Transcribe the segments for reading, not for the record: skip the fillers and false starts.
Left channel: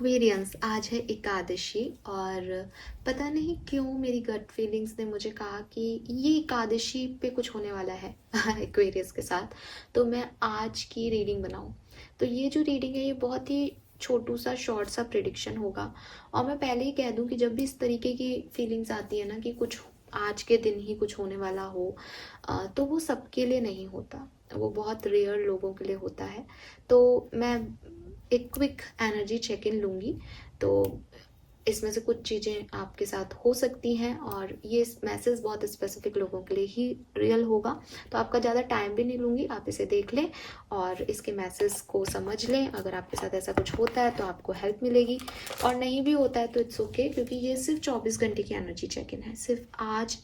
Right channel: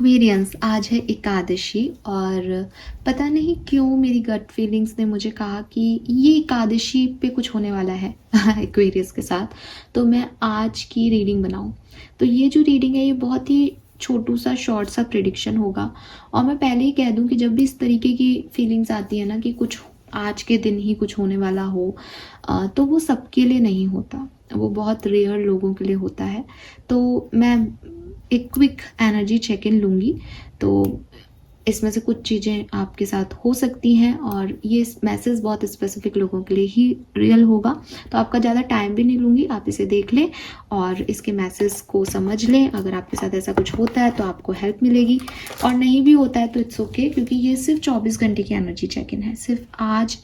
Aquarians, आज है एकादशी और पता नहीं क्यों मेरी गट फीलिंग्स ने मुझे कहा कि ये एकादशी पे कुछ होने वाला है एक्वेरियंस के साथ, तो मैं आज की रीडिंग बनाऊं। तो ये जो रीडिंग है ये बहुत ही छोटू सा शॉर्ट सा प्रिडिक्शन होगा। और मैं पहले ही कह दूं कि जब भी इस तरीके की फीलिंग्स आती है ना कि कुछ आज के दिन ही कुछ होने वाला हो, तो वो सबके लिए नहीं होता, वो बहुत रेयर लोगों के लिए होता है। तो मैं एक क्विक एनर्जी चेक इन लूँगी, तो इसमें से कुछ चीज़ें आपके साथ हो सकती हैं और ये मैसेज बहुत स्पेसिफिक लोगों के लिए ही रियल होगा। तो आपका ज़्यादा टाइम भी नहीं लूँगी, आप इसे देख लें और इसके मैसेज को समझ लें। अगर आपके साथ ऐसा कुछ होता है तो आपको हेल्प मिलेगी, और नहीं भी होता है तो इट्स ओके, क्योंकि ये सिर्फ 24 घंटे की एनर्जी चेक इन है। सिर्फ आज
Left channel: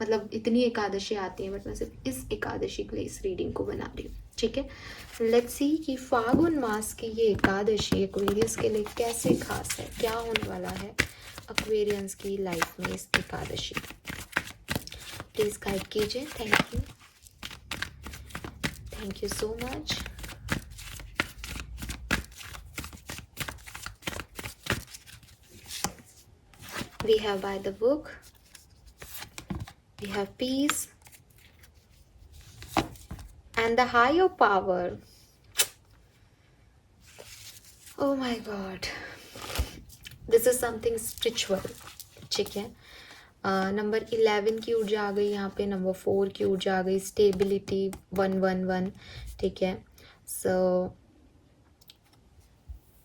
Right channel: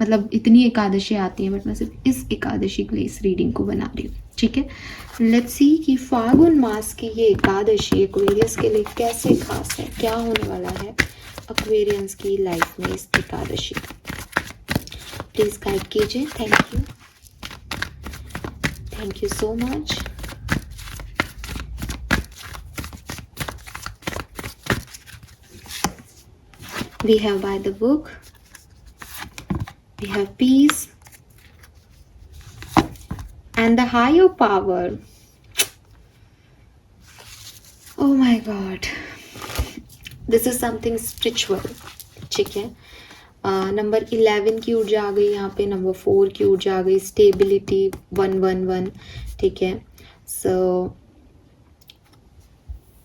मतलब इतनी एकादशी आती है, बट मैं सिर्फ इस एकादशी के लिए इस रीडिंग को बना रही हूँ। ठीक है, लेट्स सी कि फागुन मास की ये एकादशी एक्वेरियस के लिए कैसे खास है, क्या होने वाला है एक्वेरियंस की लाइफ में इस एकादशी। प्लीज गाइड कीजिए। Thank you so much. We have by the book, we have peace and the higher power. Oh my God, this is something spiritual. ठीक है, नंबर 11 की ऊर्जा आ गई यहाँ पे, नंबर 4 की ऊर्जा आ गई, स्टेबिलिटी 111। ठीक है, सो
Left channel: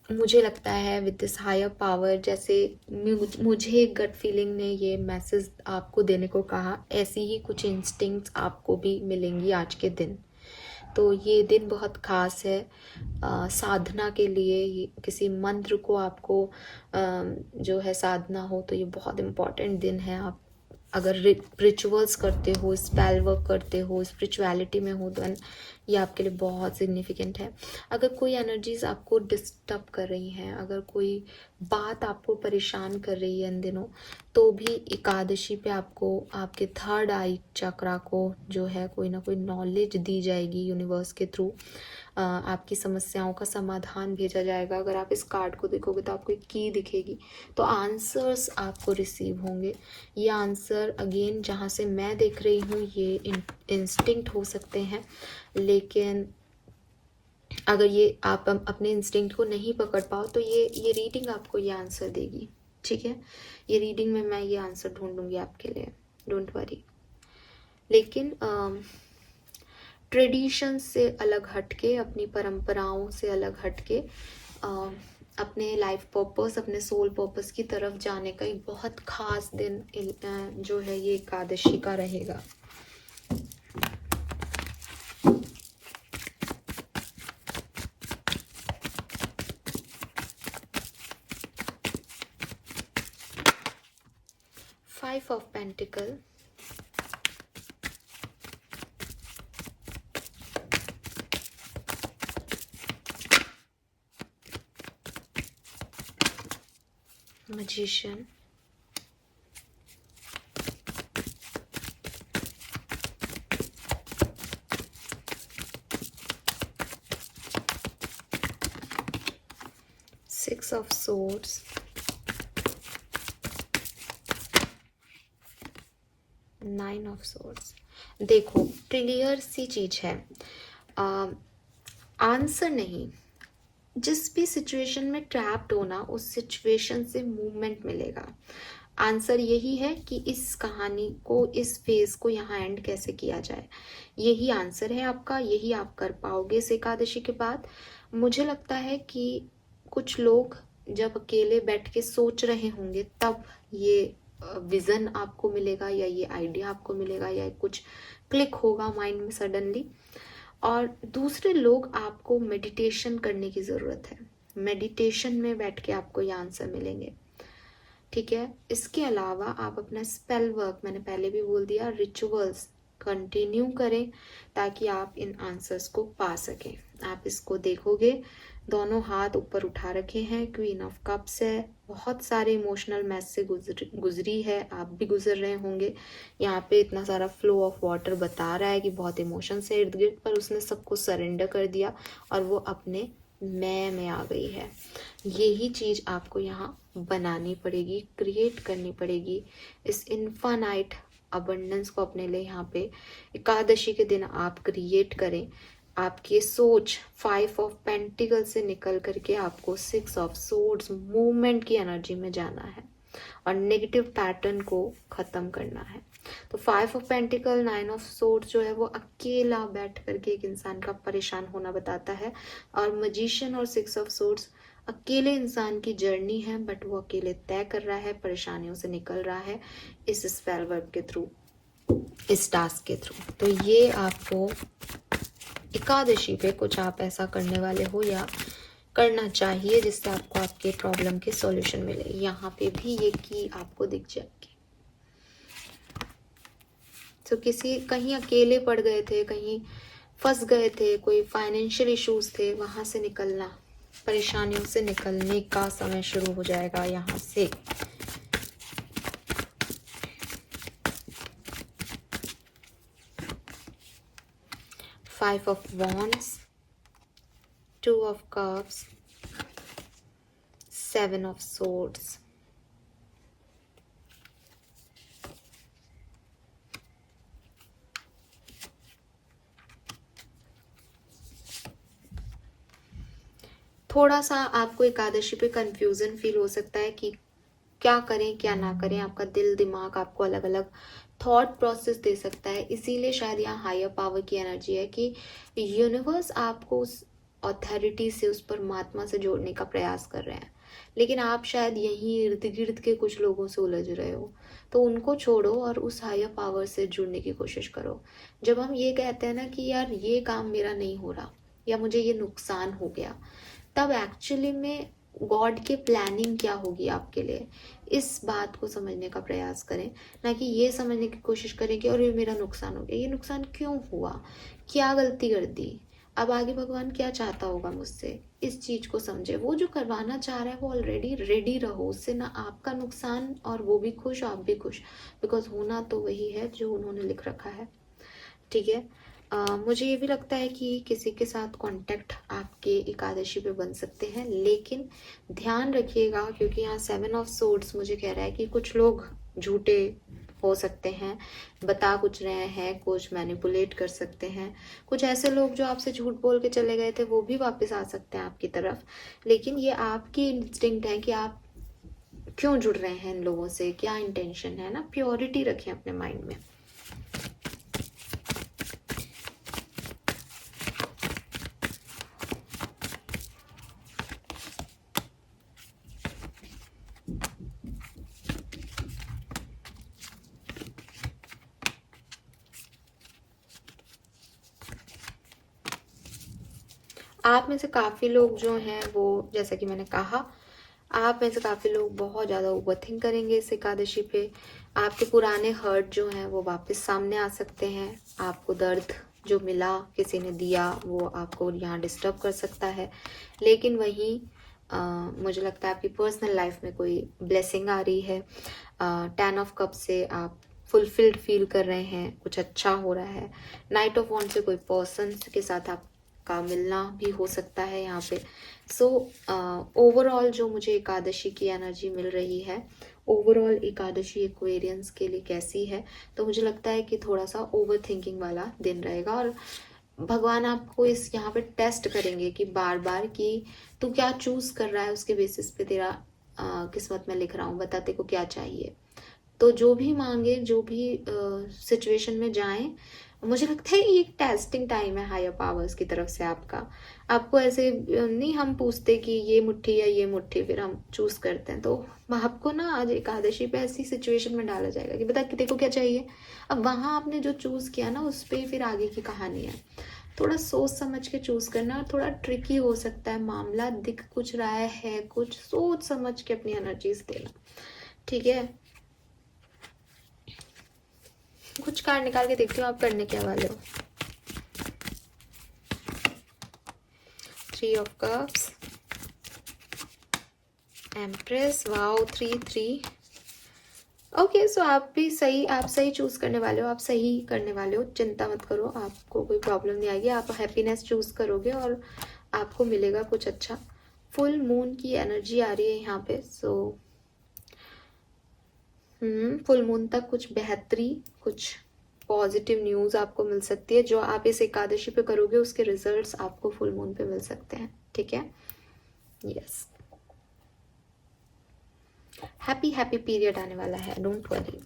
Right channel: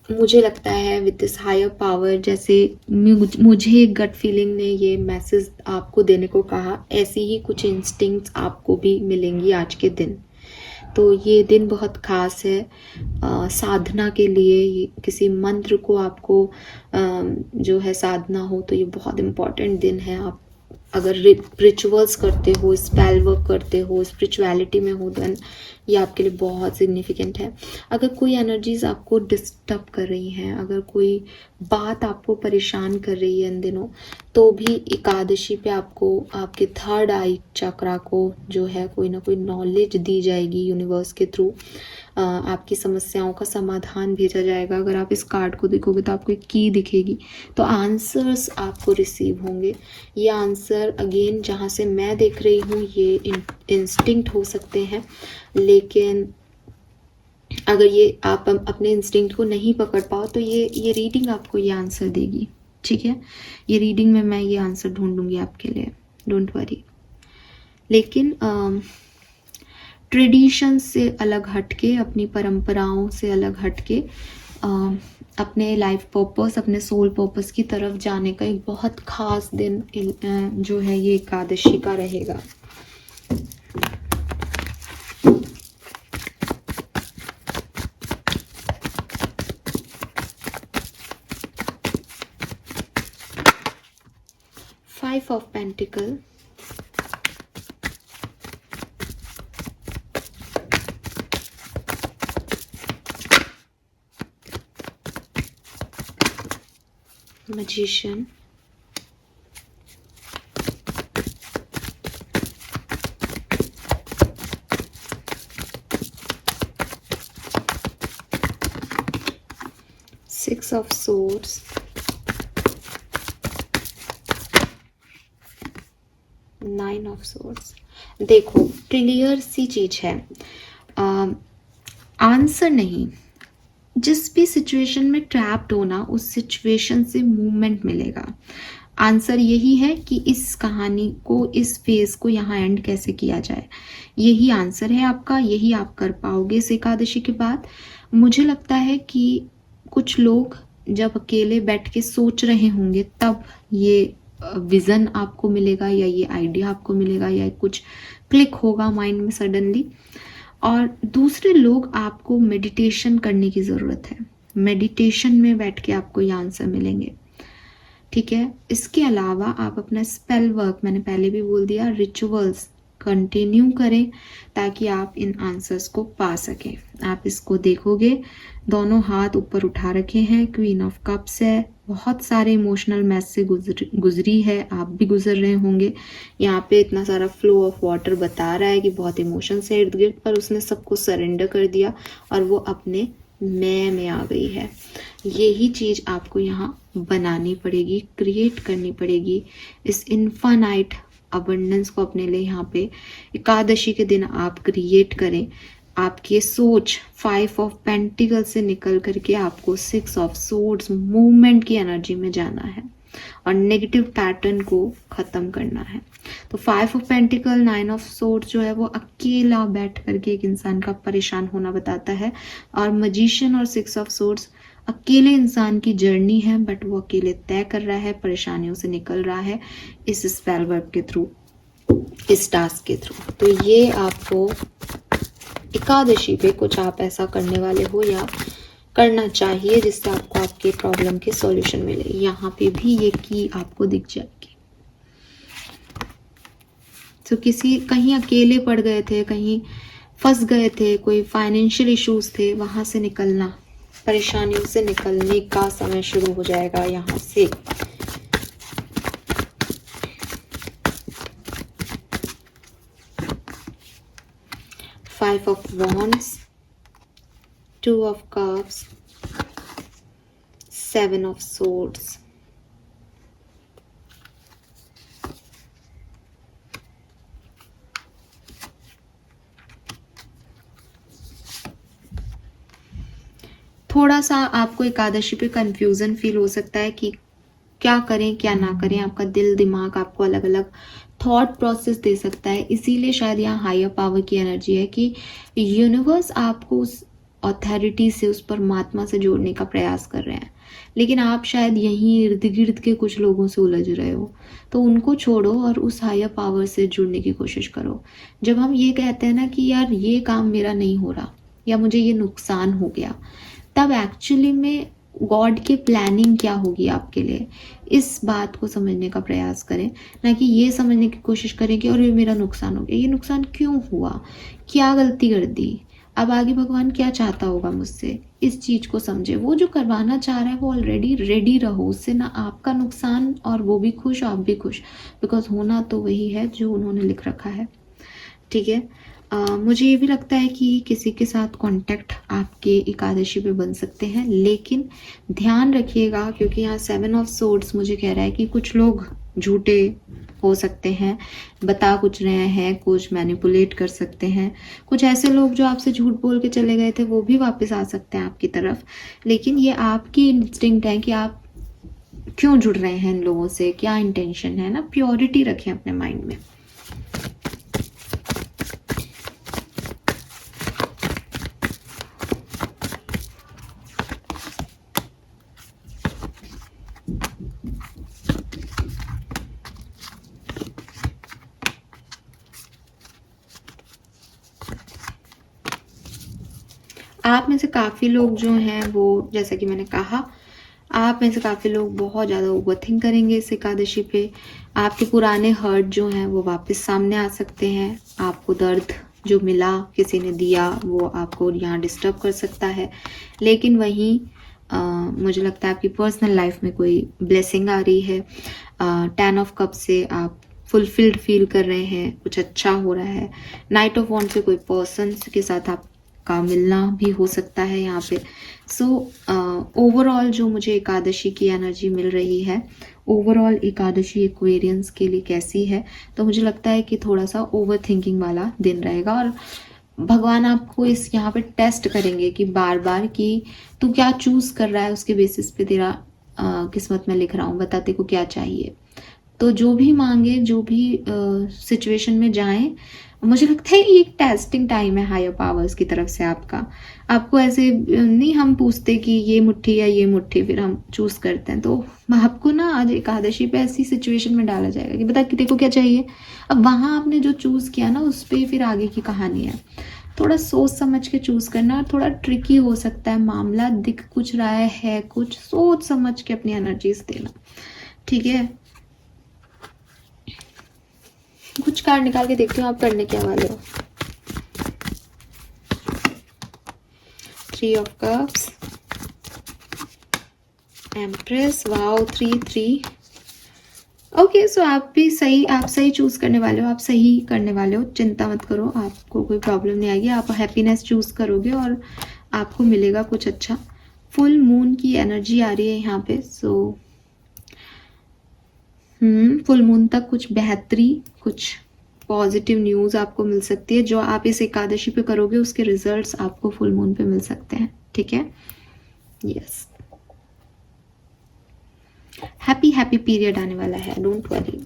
मुझे लगता है विद दिस हायर पावर, जैसे मुझे गट फीलिंग ने ये मैसेज आपको देने को कहा, ऐसी ही कुछ इंस्टिंक्ट्स आपको भी मिलेंगी आज के दिन। तो ये दिन बहुत ख़ास है साधना के लिए। किसी मंत्र को आपको जो है साधना हो तो ये बहुत इम्पॉर्टेंट दिन है। आप अगर रिचुअल्स करते हो, स्पेल वर्क करते हो, स्पिरिचुअलिटी में हो, देन ये आपके लिए बहुत सिग्निफिकेंट है। अगर कोई एनर्जीज आपको डिस्टर्ब कर रही हैं, अगर कोई बात आपको परेशान कर रही है इन दिनों, तो भी एकादशी पे आपको आपके थर्ड आई चक्रा को जो है कोई ना कोई नॉलेज दी जाएगी यूनिवर्स के थ्रू। आपकी समस्याओं का समाधान भेजा जाएगा। अगर आप इस कार्ड को देखोगे तो आपको एक की दिखेगी, तो आंसर्स आपको रिसीव होंगे। ये आंसर अगेन जहाँ से मैं देख रही हूँ ये इंस्टिंक्ट हो सकते हैं, लेकिन अगर ये आप अपने इंस्टिंक्ट को नहीं पकड़ पाओ तो ये रीडिंग आपको ये आंसर देगी। ठीक है, ये रीडिंग में मैं ये आंसर ढूंढूंगी आपके लिए, डोंट वरी। लेकिन ट्रेडिशन से अलग हटके, अपनी परंपराओं से अलग हटके अपने लाइफ पर्पस, अपने सोल पर्पस की तरफ जाने का एक बहुत ख़ास दिन जो है ये एकादशी का रहेगा। Five of pentacle, magician, six of swords, nine of swords। देखो क्लियर सी चीज है, आंसर नहीं, जिस भी सिचुएशन में ट्रैप्ड हो ना, उस सिचुएशन से मूवमेंट मिलेगा। आंसर यही है कि इस कहानी को, इस फेज को यहाँ एंड कैसे किया जाए, यही आंसर है आपका। यही आप कर पाओगे इस एकादशी के बाद। मुझे लगता है कि कुछ लोग जब अकेले बैठ के सोच रहे होंगे तब ये विज़न आपको मिलेगा, या ये आइडिया आपको मिलेगा, या कुछ क्लिक होगा माइंड में सडनली। और दूसरे लोग, आपको मेडिटेशन करने की ज़रूरत है। मेडिटेशन में बैठ के आपको ये आंसर मिलेंगे। ठीक है, इसके अलावा आप अपना स्पेल वर्क, मैंने पहले भी बोल दिया, रिचुअल्स कंटिन्यू करें ताकि आप इन आंसर्स को पा सकें। आप इसको देखोगे, दोनों हाथ ऊपर उठा रखे हैं, क्वीन ऑफ कप्स है, बहुत सारे इमोशनल मैस से गुजरी है, आप भी गुजर रहे होंगे। यहाँ पे इतना सारा फ्लो ऑफ वाटर बता रहा है कि बहुत इमोशंस है इर्द गिर्द, पर उसने सबको सरेंडर कर दिया और वो अपने मैं में आ गई है। यही चीज़ आपको यहाँ बनानी पड़ेगी, क्रिएट करनी पड़ेगी। इस इन्फानाइट अबंडेंस को अपने लिए यहाँ पे एकादशी के दिन आप क्रिएट करें। आपकी ये सोच 5 ऑफ पेंटिकल से निकल करके आपको 6 ऑफ सोर्ड्स मूवमेंट की एनर्जी में जाना है और नेगेटिव पैटर्न को ख़त्म करना है। तो 5 ऑफ पेंटिकल 9 ऑफ सोर्ड्स जो है वो अकेला बैठ करके एक इंसान का परेशान होना बताता है, और मजिशियन और 6 ऑफ सोर्ड्स अकेले इंसान की जर्नी है, बट वो अकेले तय कर रहा है, परेशानियों से निकल रहा है इस स्पेल वर्क के थ्रू, इस टास्क के थ्रू। तो ये आपको एकादशी पे कुछ आप ऐसा करने वाले हो या करना चाहिए जिससे आपको आपके प्रॉब्लम के सॉल्यूशन मिले। यहाँ पे भी ये की आपको दिख जाएगी। तो किसी कहीं अकेले पड़ गए थे, कहीं फंस गए थे, कोई फाइनेंशियल इश्यूज थे, वहां से निकलना, परेशानियों से निकलने का समय शुरू हो जाएगा यहाँ से। Five of Wands, 2 of Cups, 7 of Swords. थोड़ा सा आपको एकादशी पे कंफ्यूजन फील हो सकता है कि क्या करें क्या ना करें। आपका दिल दिमाग आपको अलग अलग थॉट प्रोसेस दे सकता है। इसीलिए शायद यहाँ हायर पावर की एनर्जी है कि यूनिवर्स आपको उस अथॉरिटी से, उस परमात्मा से जोड़ने का प्रयास कर रहे हैं, लेकिन आप शायद यहीं इर्द गिर्द के कुछ लोगों से उलझ रहे हो। तो उनको छोड़ो और उस हायर पावर से जुड़ने की कोशिश करो। जब हम ये कहते हैं ना कि यार ये काम मेरा नहीं हो रहा या मुझे ये नुकसान हो गया, तब एक्चुअली में गॉड की प्लानिंग क्या होगी आपके लिए, इस बात को समझने का प्रयास करें, ना कि ये समझने की कोशिश करें कि और ये मेरा नुकसान हो गया, ये नुकसान क्यों हुआ, क्या गलती कर दी, अब आगे भगवान क्या चाहता होगा मुझसे। इस चीज़ को समझे। वो जो करवाना चाह रहा है वो ऑलरेडी रेडी रहो, उससे ना आपका नुकसान और वो भी खुश, आप भी खुश, बिकॉज होना तो वही है जो उन्होंने लिख रखा है। ठीक है। मुझे ये भी लगता है कि किसी के साथ कांटेक्ट आपके एकादशी पे बन सकते हैं, लेकिन ध्यान रखिएगा क्योंकि यहाँ 7 ऑफ सोर्ड्स मुझे कह रहा है कि कुछ लोग झूठे हो सकते हैं, बता कुछ रहे हैं, कुछ मैनिपुलेट कर सकते हैं। कुछ ऐसे लोग जो आपसे झूठ बोल के चले गए थे वो भी वापस आ सकते हैं आपकी तरफ, लेकिन ये आपकी इंस्टिंक्ट है कि आप क्यों जुड़ रहे हैं इन लोगों से, क्या इंटेंशन है ना। प्योरिटी रखें अपने माइंड में। आप में से काफ़ी लोग जो हैं वो, जैसा कि मैंने कहा, आप में से काफ़ी लोग बहुत ज़्यादा ओवरथिंक करेंगे इस एकादशी पे। आपके पुराने हर्ट जो हैं वो वापस सामने आ सकते हैं। आपको दर्द जो मिला, किसी ने दिया, वो आपको यहाँ डिस्टर्ब कर सकता है। लेकिन वहीं मुझे लगता है आपकी पर्सनल लाइफ में कोई ब्लेसिंग आ रही है। 10 ऑफ कप से आप फुलफिल्ड फील कर रहे हैं, कुछ अच्छा हो रहा है। नाइट ऑफ वॉन्ड से कोई पर्सन के साथ आप का मिलना भी हो सकता है यहाँ पे। सो ओवरऑल जो मुझे एकादशी की एनर्जी मिल रही है, ओवरऑल एकादशी एक्वेरियंस के लिए कैसी है, तो मुझे लगता है कि थोड़ा सा ओवर थिंकिंग वाला दिन रहेगा और भगवान आपको इस यहाँ पे टेस्ट करेंगे कि बार बार कि तू क्या चूज कर रहा है, उसके बेसिस पे तेरा किस्मत में लिख रहा हूँ, बता तेरे को क्या चाहिए। तो जो भी मांगे, जो भी सिचुएशन में जाएं, मुझे लगता है ये एक टेस्टिंग टाइम है हायर पावर्स की तरफ से आपका। आपको ऐसे नहीं हम पूछते कि ये मुट्ठी या ये मुट्ठी, फिर हम चूज करते हैं। तो आपको ना आज एकादशी पे ऐसी सिचुएशन में डाला जाएगा कि बता कि देखो क्या चाहिए। अब वहाँ आपने जो चूज किया ना, उस पर फिर आगे की कहानी है। थोड़ा सोच समझ के चूज करना, और थोड़ा ट्रिकी हो सकता है मामला, दिख कुछ रहा है कुछ, सोच समझ के अपनी एनर्जीज देना। ठीक है, कुछ कार्ड निकाल के देखती हूँ आप करने क्या वाले हो। 3 of cups, empress, wow, 3-3। Okay, so आप भी सही, आप सही चूज करने वाले हो, आप सही करने वाले हो, चिंता मत करो, आपको कोई प्रॉब्लम नहीं आएगी। आप हैप्पीनेस चूज करोगे और आपको मिलेगा कुछ अच्छा। फुल मून की एनर्जी आ रही है यहाँ पे, सो फुल मून तक कुछ बेहतरी, कुछ पॉजिटिव न्यूज़ आपको मिल सकती है। जो आप इस एकादशी पे करोगे उसके रिजल्ट्स आपको फुल मून पे मिल सकते हैं, ठीक है। यस, हैप्पी पीरियड आने वाला है, don't worry.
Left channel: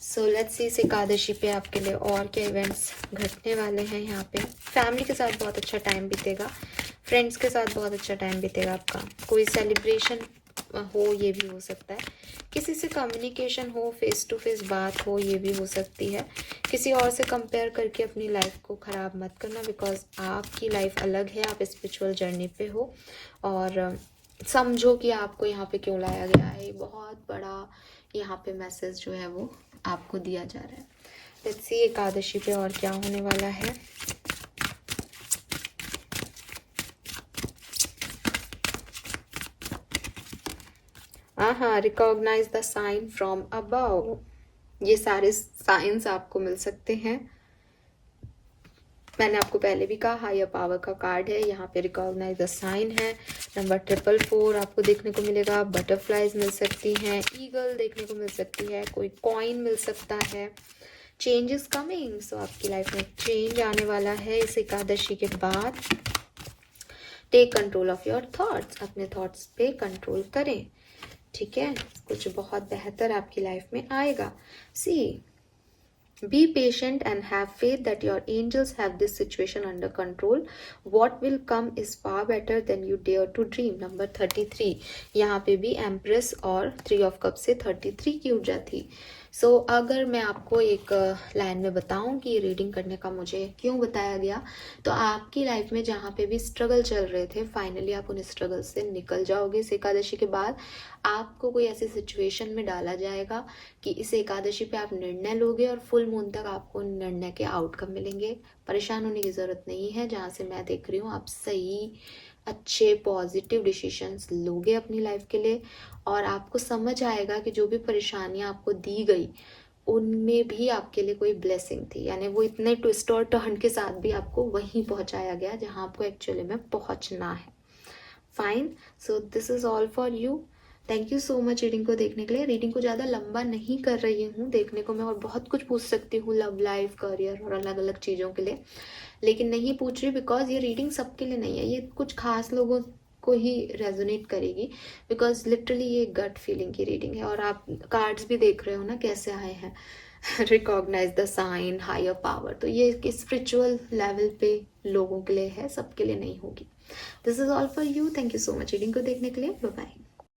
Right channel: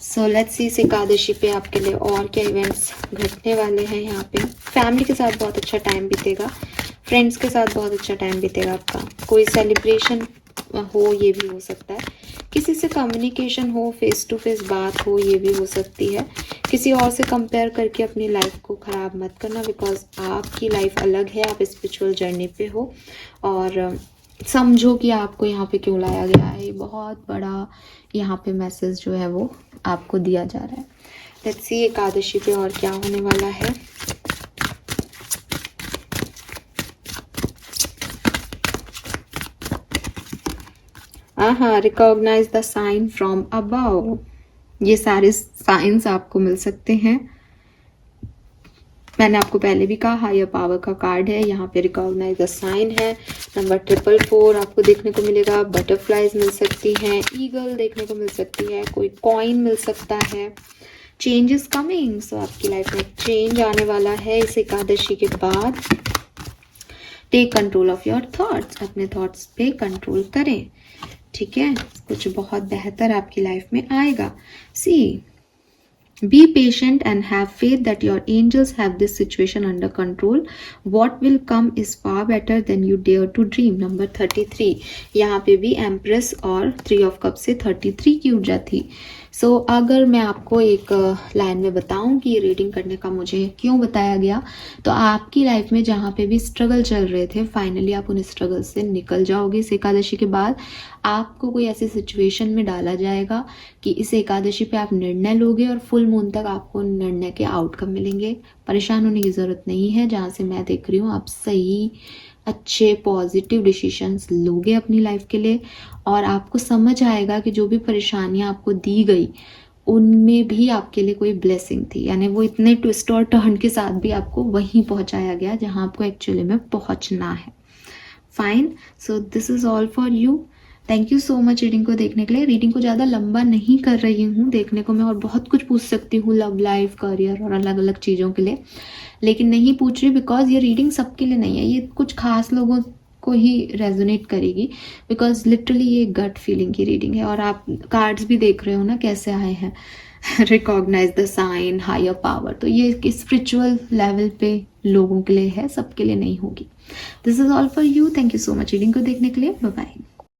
So let's see इस एकादशी पे आपके लिए और क्या इवेंट्स घटने वाले हैं। यहाँ पे फैमिली के साथ बहुत अच्छा टाइम बीतेगा, फ्रेंड्स के साथ बहुत अच्छा टाइम बीतेगा आपका। कोई सेलिब्रेशन हो, ये भी हो सकता है। किसी से कम्युनिकेशन हो, फेस टू फेस बात हो, ये भी हो सकती है। किसी और से कंपेयर करके अपनी लाइफ को ख़राब मत करना, बिकॉज आपकी लाइफ अलग है, आप स्पिरिचुअल जर्नी पे हो। और समझो कि आपको यहाँ पे क्यों लाया गया है। बहुत बड़ा यहाँ पे मैसेज जो है वो आपको दिया जा रहा है। लेट्स सी एकादशी पे और क्या होने वाला है। Recognise the sign from above. ये सारे साइंस आपको मिल सकते हैं। मैंने आपको पहले भी कहा हायर पावर का कार्ड है, यहाँ पे रिकॉग्नाइज द साइन है। नंबर 444 आपको देखने को मिलेगा। बटरफ्लाइज मिल सकती हैं, ईगल देखने को मिल सकती है, कोई कॉइन मिल सकता है। चेंज इज कमिंग, सो आपकी लाइफ में चेंज आने वाला है इस एकादशी के बाद। Take control of your thoughts, अपने थॉट्स पे कंट्रोल करें, ठीक है। कुछ बहुत बेहतर आपकी लाइफ में आएगा। सी, be patient and have faith that your angels have this situation under control. What will come is far better than you dare to dream. Number 33, यहाँ पे भी एम्प्रेस और 3 ऑफ कप से 33 की ऊर्जा थी। सो अगर मैं आपको एक लाइन में बताऊं कि ये रीडिंग करने का मुझे क्यों बताया गया, तो आपकी लाइफ में जहाँ पे भी स्ट्रगल चल रहे थे, फाइनली आप उन स्ट्रगल से निकल जाओगे। इस एकादशी के बाद आपको कोई ऐसी सिचुएशन में डाला जाएगा कि इस एकादशी पे आप निर्णय लोगे और फुल मून तक आपको निर्णय के आउटकम मिलेंगे। परेशान होने की ज़रूरत नहीं है। जहाँ से मैं देख रही हूँ आप सही, अच्छे, पॉजिटिव डिसीजंस लोगे अपनी लाइफ के लिए, और आपको समझ आएगा कि जो भी परेशानियाँ आपको दी गई उनमें भी आपके लिए कोई ब्लेसिंग थी। यानी वो इतने ट्विस्ट और टर्न के साथ भी आपको वहीं पहुँचाया गया जहाँ आपको एक्चुअली में पहुँचना है। Fine, so this is all for you. Thank you so much reading को देखने के लिए। रीडिंग को ज़्यादा लंबा नहीं कर रही हूँ, देखने को मैं और बहुत कुछ पूछ सकती हूँ लव लाइफ, करियर और अलग अलग चीज़ों के लिए, लेकिन नहीं पूछ रही बिकॉज ये रीडिंग सबके लिए नहीं है। ये कुछ खास लोगों को ही रेजोनेट करेगी, बिकॉज लिटरली ये गट फीलिंग की रीडिंग है। और आप कार्ड्स भी देख रहे हो ना कैसे आए हैं, recognise the sign, higher power. तो ये स्पिरिचुअल लेवल पे लोगों के लिए है, सबके लिए नहीं होगी। This is all for you. Thank you so much reading को देखने के लिए। Bye bye.